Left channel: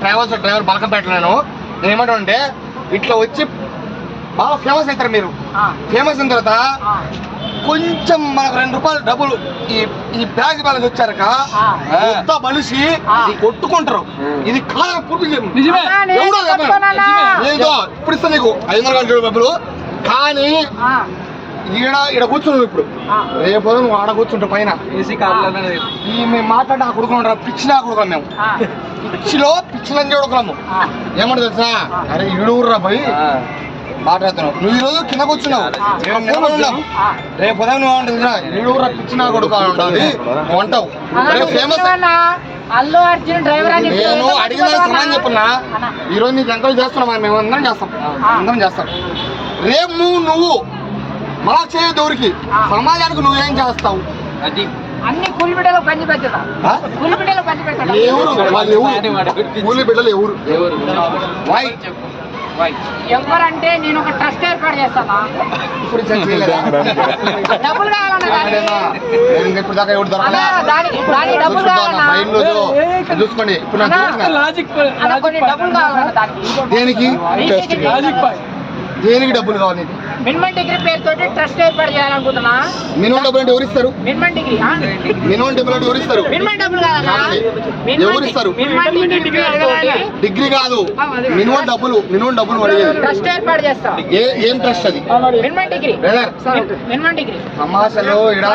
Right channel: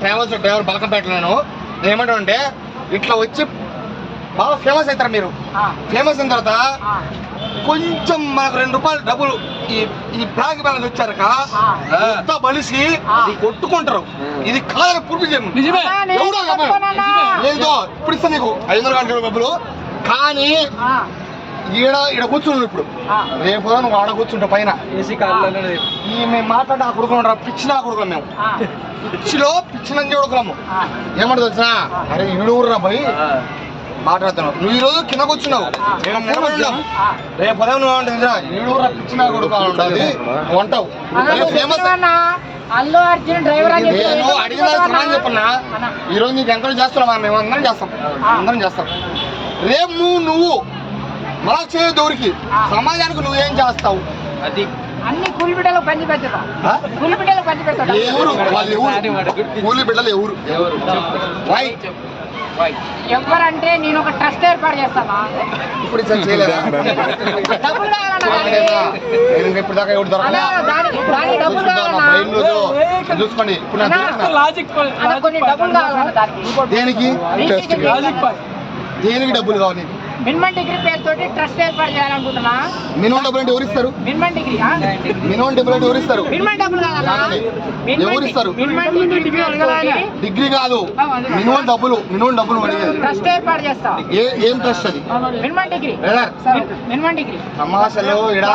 Travels driver Balkampet నేను నేను. ఏమంటాను అంటే ఇట్లా వచ్చి బాగా ఫేమస్ అవుతారు మీరు. ఫేమస్ అయిన తర్వాత కొంచెం మనకు రెండు రూపాయలు డబ్బులు ఈ ఈ బ్యాగ్ బ్యాలెన్స్ వచ్చారక ఎంత మనిషి కొట్టుకుంటారు. ఇది కాదని పూర్తి. ఎవడో ఇప్పుడు ఇస్తా నీకు. ఐదు వందల డబ్బులు. కానీ ఈడ ఈడ కూర్చున్నావు ఇప్పుడు. రేపు నువ్వు ఆడ కూర్చుంటావు పైన. ఈ మేము మాట్లాడి ఆ కొడుకున్నాం పిచ్చి నా కొడుకున్నాం మేము. పిచ్చిలో పిచ్చిలని కొడుకున్నాము ఏమంటే తెలుసా? అరే ఈడూరురా పోయి మాట్లాడుతున్నావు. నువ్వు ఈ రోజు కింద కూర్చున్నావు. రేపు ఉదయం నువ్వు ఏమంటుంది ఈడూరురా పిచ్చి నా కొడుకు అని ఉంటుంది. ఫేమస్ అల్లు అర్జున్ డ్రైవర్ అని నేను అడిగిన సమాధానం చెప్పున్నా. ఈ రోజు నీకు ఎంకరేజ్ చేస్తున్నామా మేము అందరం చేస్తాం అందరం చేస్తాం. రేపు నువ్వు మళ్ళా చేయదు ఎవరికి సమాజానికి నువ్వేం చేస్తావు? అన్ని కూలి బిడ్డలు పంచి? కూలి పంచి ఎవరు కూలి బిడ్డలు ఎవరు వై ఎవరంటే నేను ఒక ట్రస్ట్ ఏర్పాటు చేస్తానా? ఇప్పుడు? డబ్బులు కావాలన్నా అన్నా, చూసుకోండి. ఇప్పుడు నాకు చూసిన లాజిక్ అన్న, కొన్ని డబ్బులు కావాలన్నా దానికి. దేనికి? లాజిక్ పాయ్ దేనికి డబ్బులు కావాలి మినిమం డిగ్రీ పేరుతోటి ట్రస్ట్ ఏర్పాటు చేయాలనుకుంటున్నా. మినిమం డబ్బులు అంటే ఎవరు ఇస్తారు మినిమం డిగ్రీ ఆ? మినిమం డబ్బులు అంటే ఎవరు ఇస్తారు మినిమం డబ్బులు కావాలన్నా కావాలి. మినిమం ఎవరు డి- ఇస్తారు? మినిమం డిగ్రీ కాదు. మినిమం డబ్బులు మినిమం డబ్బులు అడిగేది ట్రస్ట్ ఏర్పాటు చేస్తా. ఏ ఏం ట్రస్ట్ అది? Minimum degree. Minimum degree. సమాజంలో ఇడా